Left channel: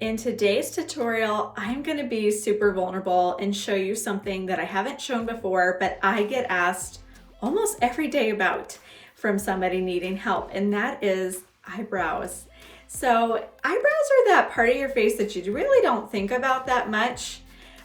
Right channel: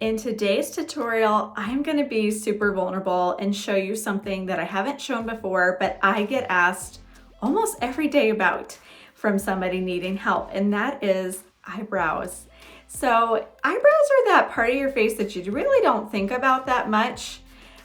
In today's tutorial, I'm going to be super vulnerable and show you something that I haven't shown before, but I get asked almost every day about from somebody needing help, and that is eyebrows. So eyebrows are that part of your face that you really don't think about that much,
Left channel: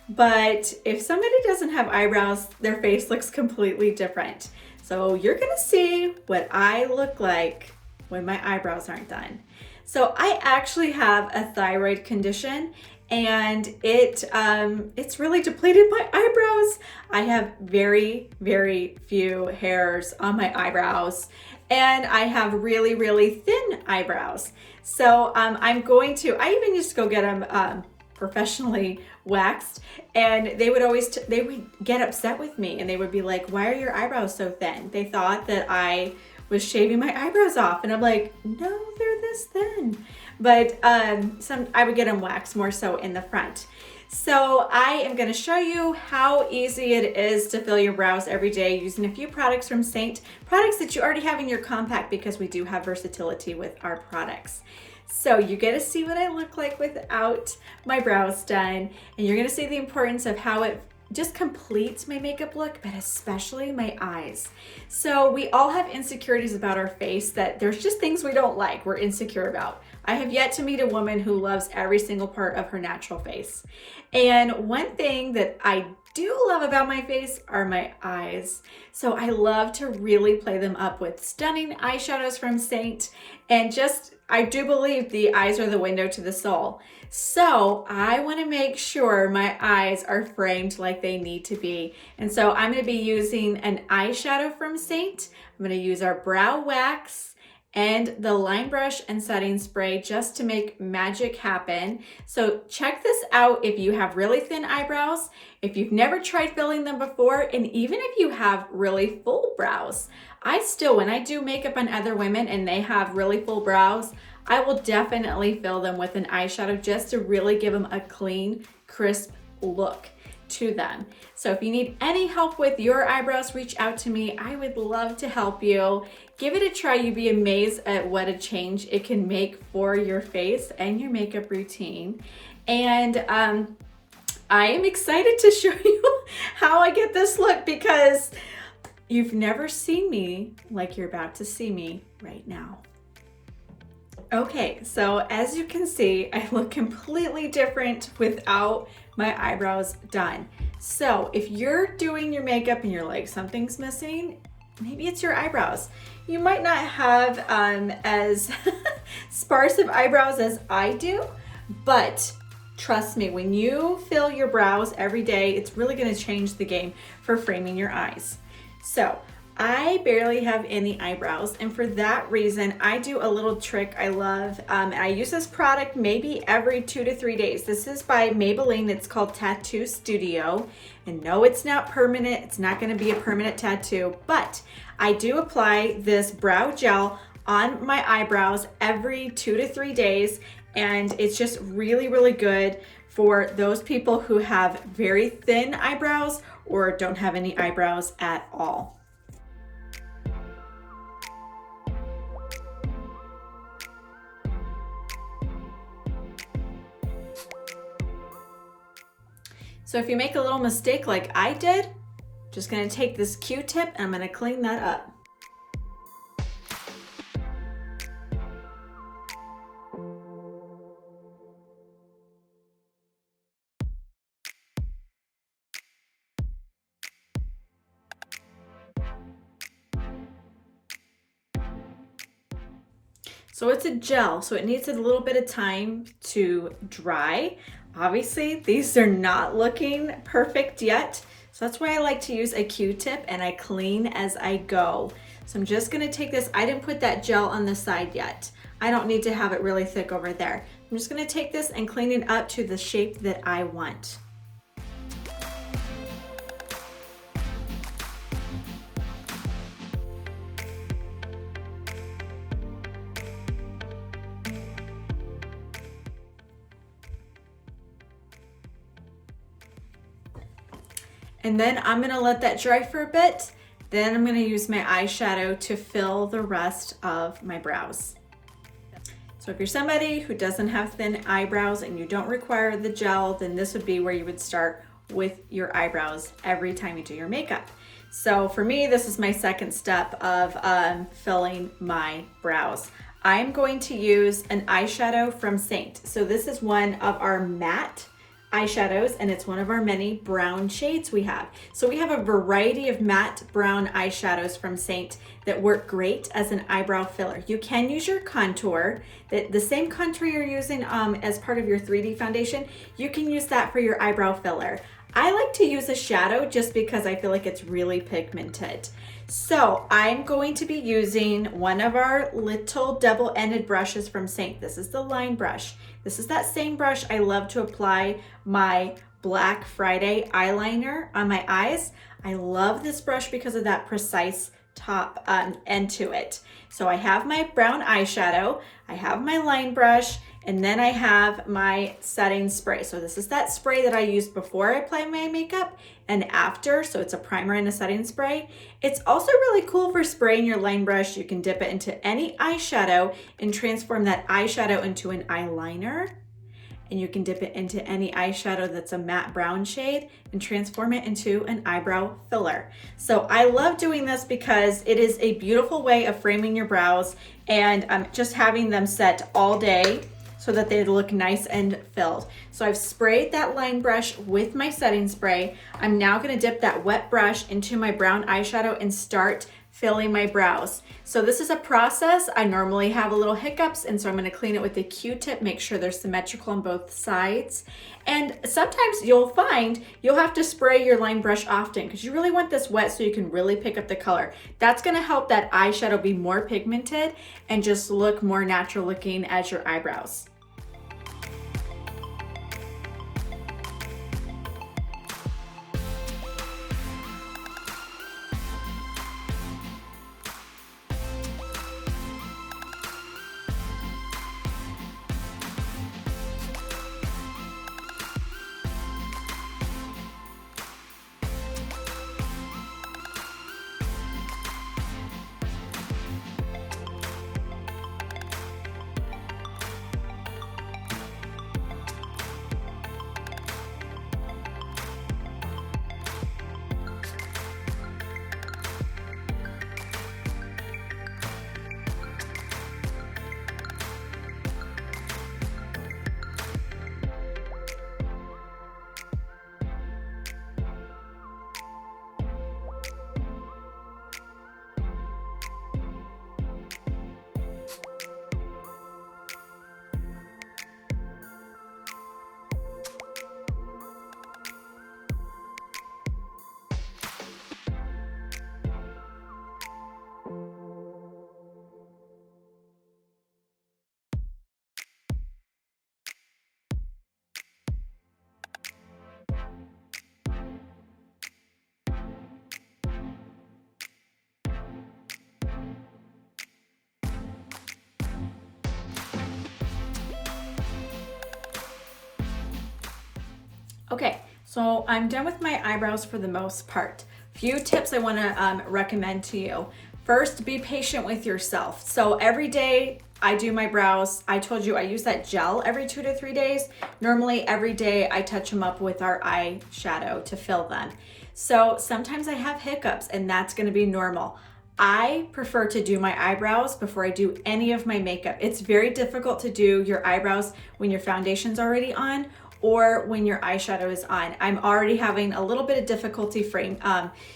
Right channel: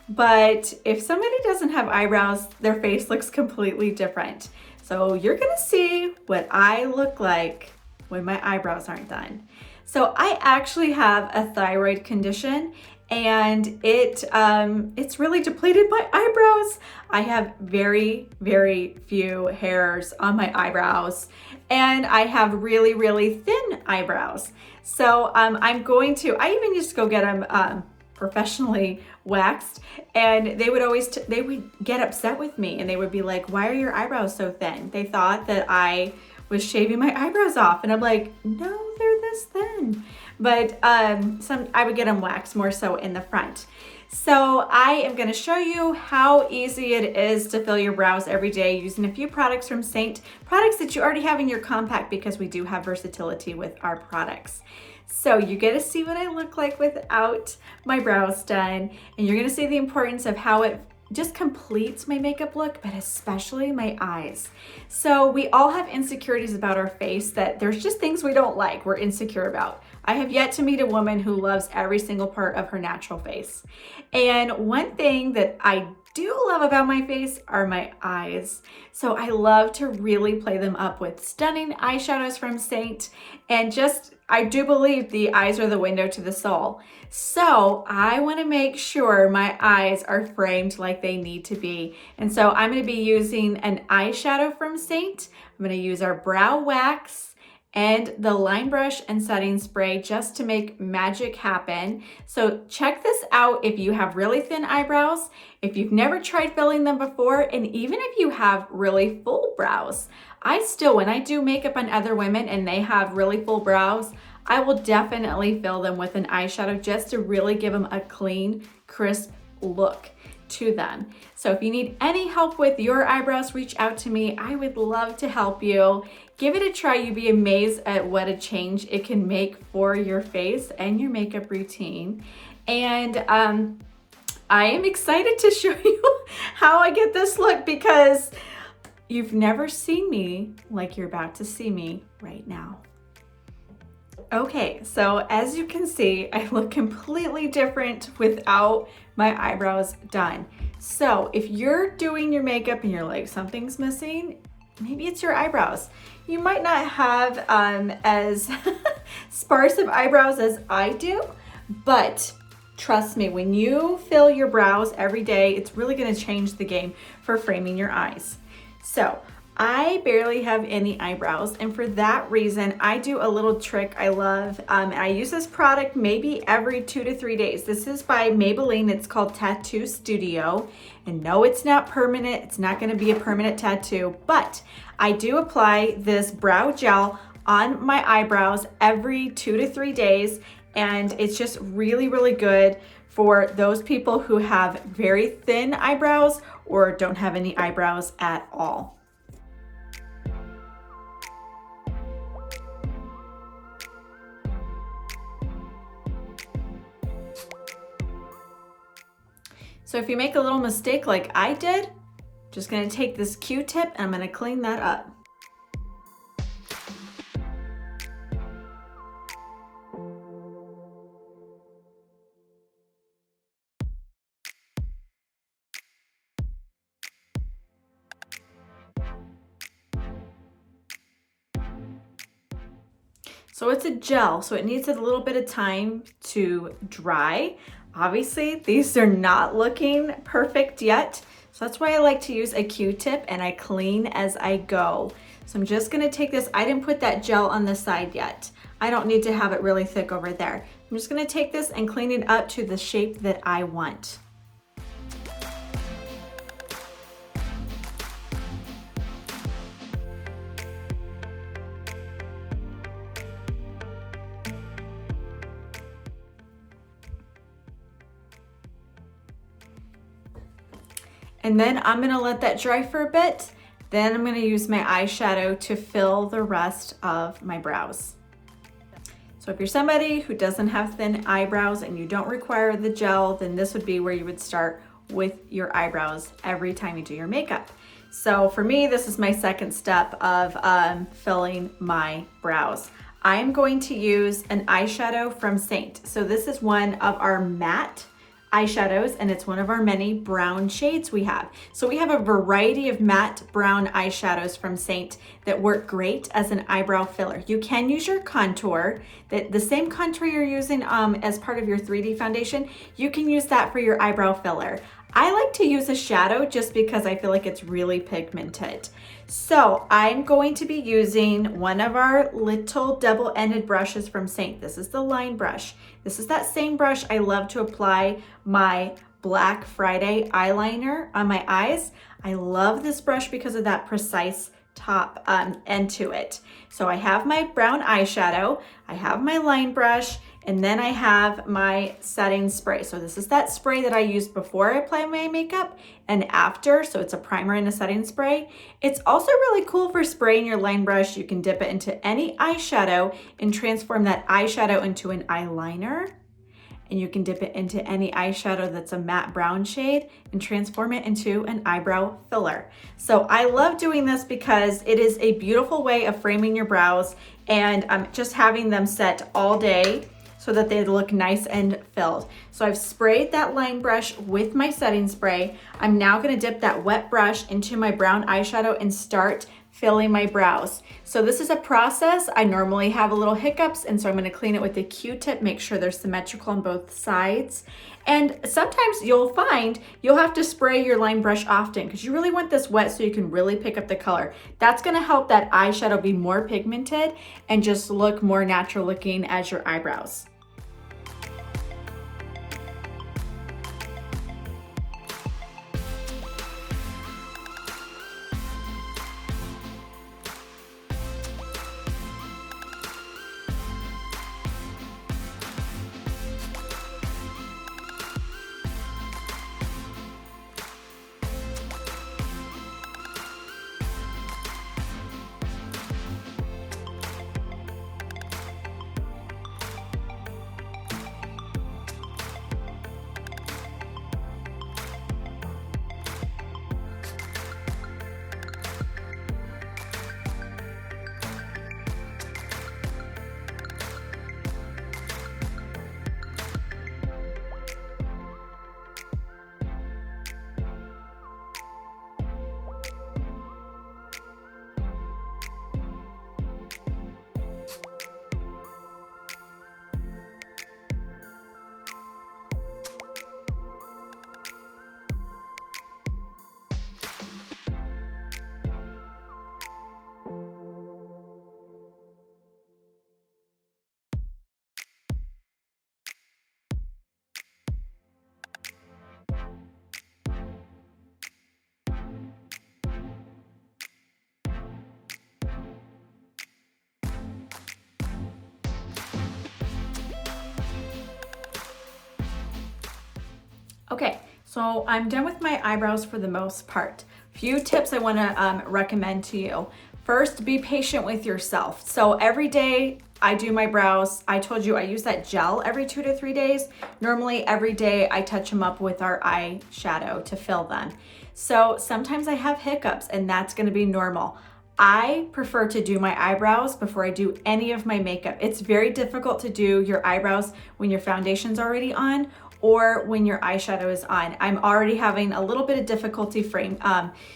but if somebody doesn't have eyebrows, their face looks completely different. So you're going to see what I look like when my eyebrows aren't done. So I actually have a thyroid condition, and it's really depleted my eyebrows. I have very, very few hairs on my eyebrows, and I have really, really thin eyebrows. So I even used to go get them professionally waxed, and they would get upset with me, and they would be like, "Why are your eyebrows so thin?" They thought that I was shaving my eyebrows off, and I'm like, no, they're this thin. But I would get them waxed more so in the front. So I am going to show you how easy it is to fill your brows every day using a few products from Seint, products that you already have in your compact, because we do have versatility with our products. So you get to see what I look like without my brows done, and you're going to see the importance of how it just completes my makeup look, but especially my eyes. So we all have insecurities about our face, that there's just things we don't like, we're insecure about. I have yet to meet a woman who loves every single part of her natural face. And one thing that I do love about my face are my eyes. So I love to really play them up with stunning eyeshadows from Seint. And I do believe the eyes are the window to the soul. So I want to make sure my eyes are framed like they need to be. And so I'm going to be using an eyeshadow from Seint. I'm going to use our brow wax and the line brush and setting spray just to make magic happen. So check this out if you have really thin eyebrows, if you've never tried filling them before, and even if you have really full brows. When I do makeup on other women and they have really full brows, I will definitely fill them with an eyeshadow just to really give them a clean, crisp look to them. So if you need any help with your eyebrows, reach out to me. I would love to help you. Give it a try. You'd be amazed at what a change it can make for your face and your makeup routine. And I am excited to show you how I get this look, because you've never seen me like you're about to see me right now. Okay, so as you can see, I look completely different without my eyebrows done. So if you're doing your makeup and you're like, something's missing, maybe it's your eyebrows. You might not have as sparse of eyebrows as I do, but trust me, when you fill your brows every day, it's really gonna change the game for framing your eyes. So I barely have any eyebrows, and for that reason, I do a little trick I love. I use this product maybe every 2 to 3 days. This is by Maybelline. It's called Tattoo Studio. And no, it's not permanent. It's not going to be a permanent tattoo, but I do apply this brow gel on my eyebrows every 2 to 3 days, and it's just really, really good for those people who have very thin eyebrows or don't have any eyebrows at all. So if you make a little mistake like I did, I'm just gonna take this Q-tip and I'm gonna clean that up. So it's a gel, so it needs a little bit of time to dry. Obviously, these are not looking perfect yet, so that's why I like to use a Q-tip, and I clean as I go. So I'm just gonna take this, I didn't put that gel on the side yet. I don't need to have it really thick over there. I'm just gonna take this and clean it up to the shape that I want. And then I'm gonna let that dry for a bit. Then I'm gonna use my eyeshadow to fill the rest of my brows. So So if you're somebody who doesn't have thin eyebrows and you don't require the gel, then this would be where you would start with your eyebrows every time you do your makeup. So for me, this is my second step of filling my brows. I am going to use an eyeshadow from Seint. So this is one of our matte eyeshadows, and it's one of our many brown shades we have. So we have a variety of matte brown eyeshadows from Seint that work great as an eyebrow filler. You can use your contour, the same contour you're using as part of your 3D foundation, you can use that for your eyebrow filler. I like to use a shadow just because I feel like it's really pigmented. So I'm going to be using one of our little double-ended brushes from Seint. This is the line brush. This is that same brush I love to apply my Black Friday eyeliner on my eyes. I love this brush because of that precise top end to it. So I have my brown eyeshadow, I have my line brush, and then I have my setting spray. So this is that spray that I use before I apply my makeup and after. So it's a primer and a setting spray. It's also really cool for spraying your line brush. You can dip it into any eyeshadow and transform that eyeshadow into an eyeliner. And you can dip it into any eyeshadow that's a matte brown shade and transform it into an eyebrow filler. So I love doing this because it is a beautiful way of framing your brows and just having them set all day so that they look nice and filled. So I've sprayed that line brush with my setting spray. I'm now gonna dip that wet brush into my brown eyeshadow and start filling my brows. So this is a process. I normally have a little hiccups, and so I'm gonna clean it with a Q-tip, make sure they're symmetrical on both sides. And sometimes you'll find you'll have to spray your line brush often because you really want this wet so you can really pick up the color. That's gonna help that eyeshadow be more pigmented and just look more natural looking as your eyebrows. Okay, so I'm done with my eyebrows for the most part. Few tips I wanna recommend to you. First, be patient with yourself. So every day I do my brows. I told you I use that gel every 2 to 3 days. Normally every day I touch them up with our eyeshadow to fill them. So sometimes I have hiccups and that's gonna be normal. I prefer to do my eyebrows before I do any of my makeup. It's very difficult to do your eyebrows when your foundation's already on or when your eyeshadow is on. I'm already having a little bit of difficulty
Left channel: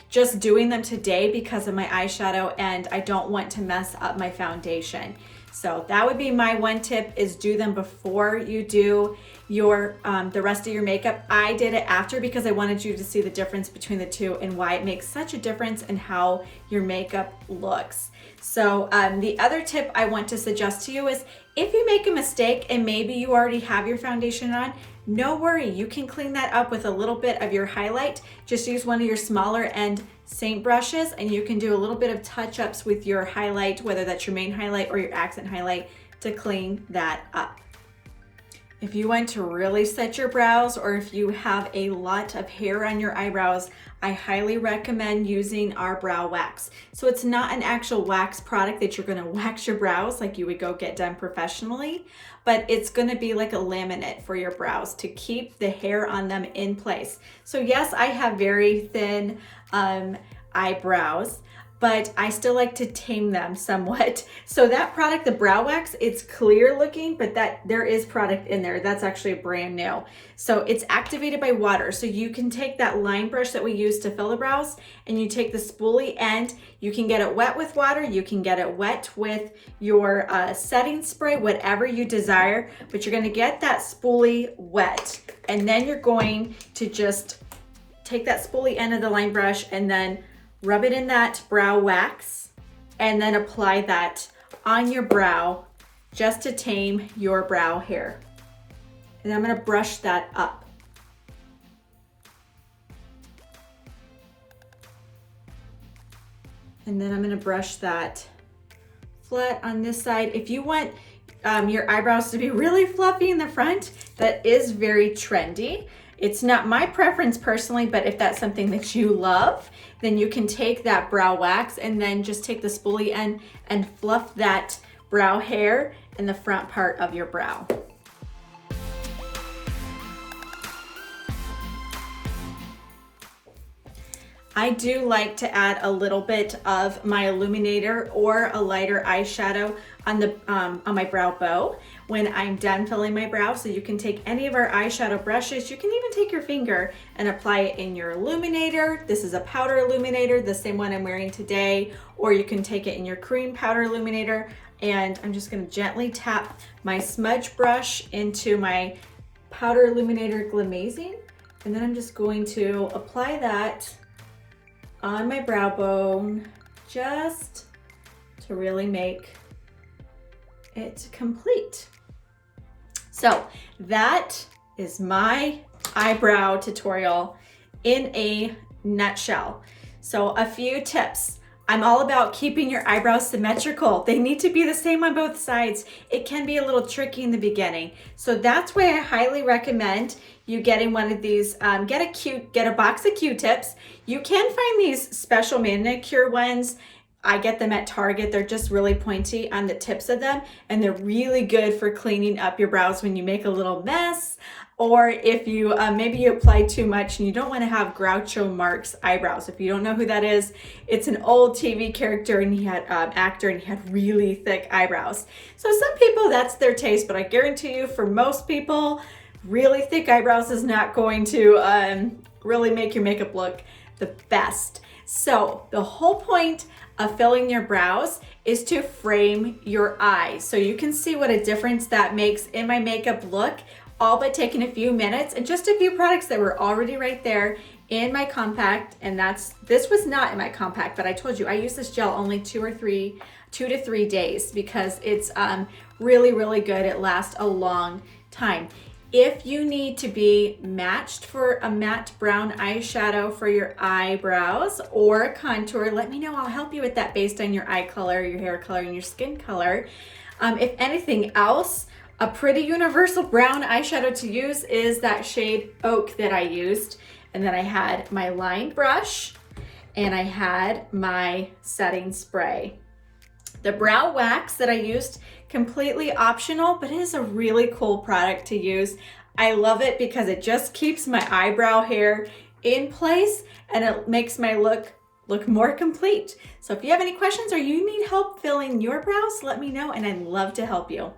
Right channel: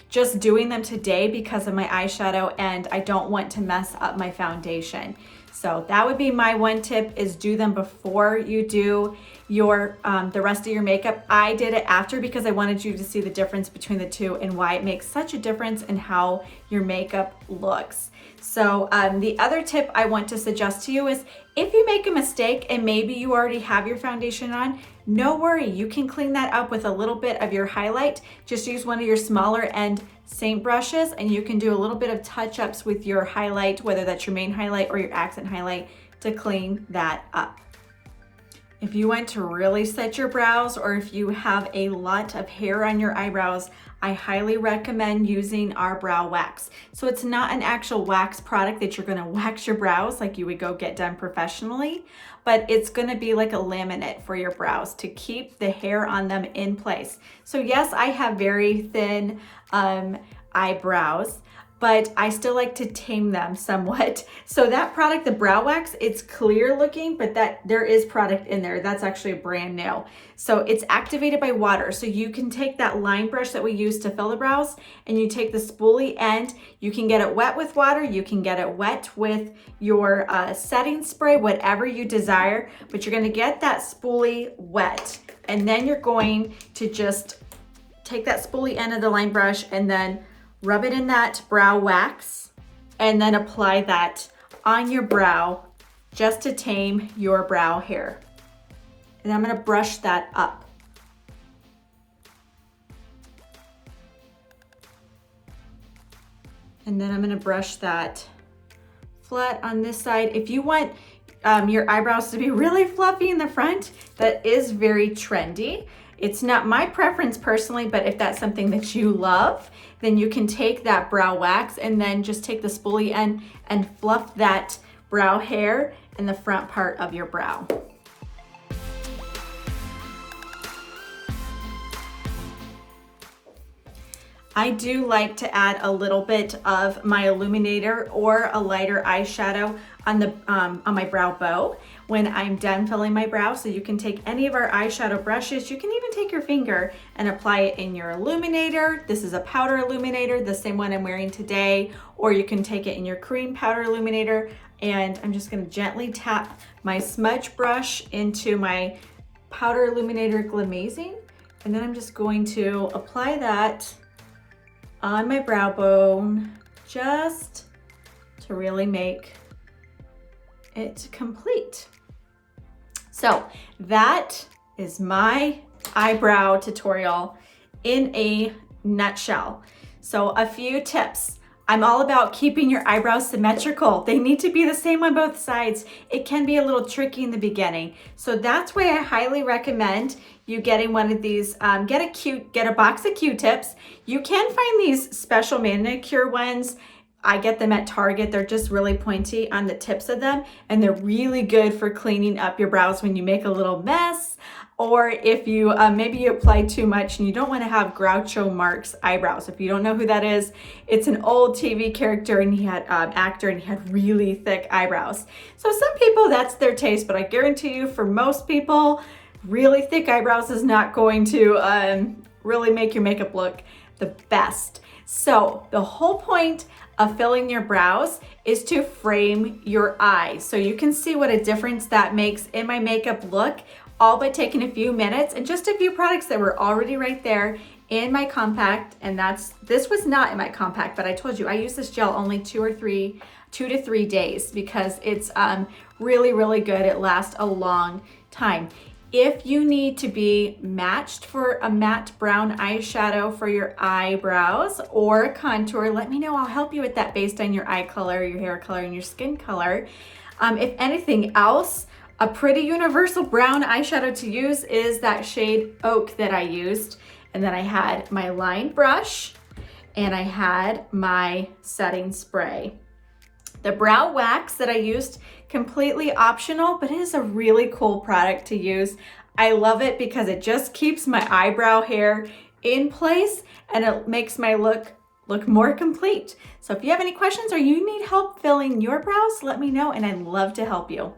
just doing them today because of my eyeshadow, and I don't want to mess up my foundation. So that would be my one tip, is do them before you do your the rest of your makeup. I did it after because I wanted you to see the difference between the two and why it makes such a difference in how your makeup looks. So the other tip I want to suggest to you is, if you make a mistake and maybe you already have your foundation on, no worry, you can clean that up with a little bit of your highlight. Just use one of your smaller end Seint brushes and you can do a little bit of touch-ups with your highlight, whether that's your main highlight or your accent highlight, to clean that up. if you want to really set your brows, or if you have a lot of hair on your eyebrows, I highly recommend using our brow wax. So it's not an actual wax product that you're gonna wax your brows like you would go get done professionally, but it's gonna be like a laminate for your brows to keep the hair on them in place. So yes, I have very thin eyebrows, but I still like to tame them somewhat. So that product, the brow wax, it's clear looking, but there is product in there. That's actually brand new. So it's activated by water. So you can take that line brush that we use to fill the brows, and you take the spoolie end. You can get it wet with water. You can get it wet with your setting spray, whatever you desire, but you're gonna get that spoolie wet. And then you're going to just take that spoolie end of the line brush and then rub it in that brow wax, and then apply that on your brow just to tame your brow hair. And then I'm gonna brush that up. And then I'm gonna brush that flat on this side. If you want your eyebrows to be really fluffy in the front, that is very trendy. It's not my preference personally, but if that's something that you love, then you can take that brow wax and then just take the spoolie end and fluff that brow hair in the front part of your brow. I do like to add a little bit of my illuminator or a lighter eyeshadow on my brow bow when I'm done filling my brow. So you can take any of our eyeshadow brushes. You can even take your finger and apply it in your illuminator. This is a powder illuminator, the same one I'm wearing today, or you can take it in your cream powder illuminator. And I'm just gonna gently tap my smudge brush into my powder illuminator Glamazing. And then I'm just going to apply that on my brow bone just to really make it complete. So that is my eyebrow tutorial in a nutshell. So a few tips. I'm all about keeping your eyebrows symmetrical. They need to be the same on both sides. It can be a little tricky in the beginning. So that's why I highly recommend you getting one of these, get a box of Q-tips. You can find these special manicure ones. I get them at Target. They're just really pointy on the tips of them, and they're really good for cleaning up your brows when you make a little mess, or if you maybe you apply too much and you don't want to have Groucho Marx eyebrows. If you don't know who that is, it's an old TV character, and he had actor, and he had really thick eyebrows. So some people, that's their taste, but I guarantee you, for most people, really thick eyebrows is not going to really make your makeup look the best. So the whole point of filling your brows is to frame your eyes. So you can see what a difference that makes in my makeup look, all by taking a few minutes and just a few products that were already right there in my compact. And this was not in my compact, but I told you I use this gel only 2 to 3 days because it's really, really good. It lasts a long time. If you need to be matched for a matte brown eyeshadow for your eyebrows or contour, let me know. I'll help you with that based on your eye color, your hair color, and your skin color. If anything else, a pretty universal brown eyeshadow to use is that shade Oak that I used. And then I had my lined brush and I had my setting spray. The brow wax that I used, completely optional, but it is a really cool product to use. I love it because it just keeps my eyebrow hair in place and it makes my look more complete. So if you have any questions or you need help filling your brows, let me know and I'd love to help you.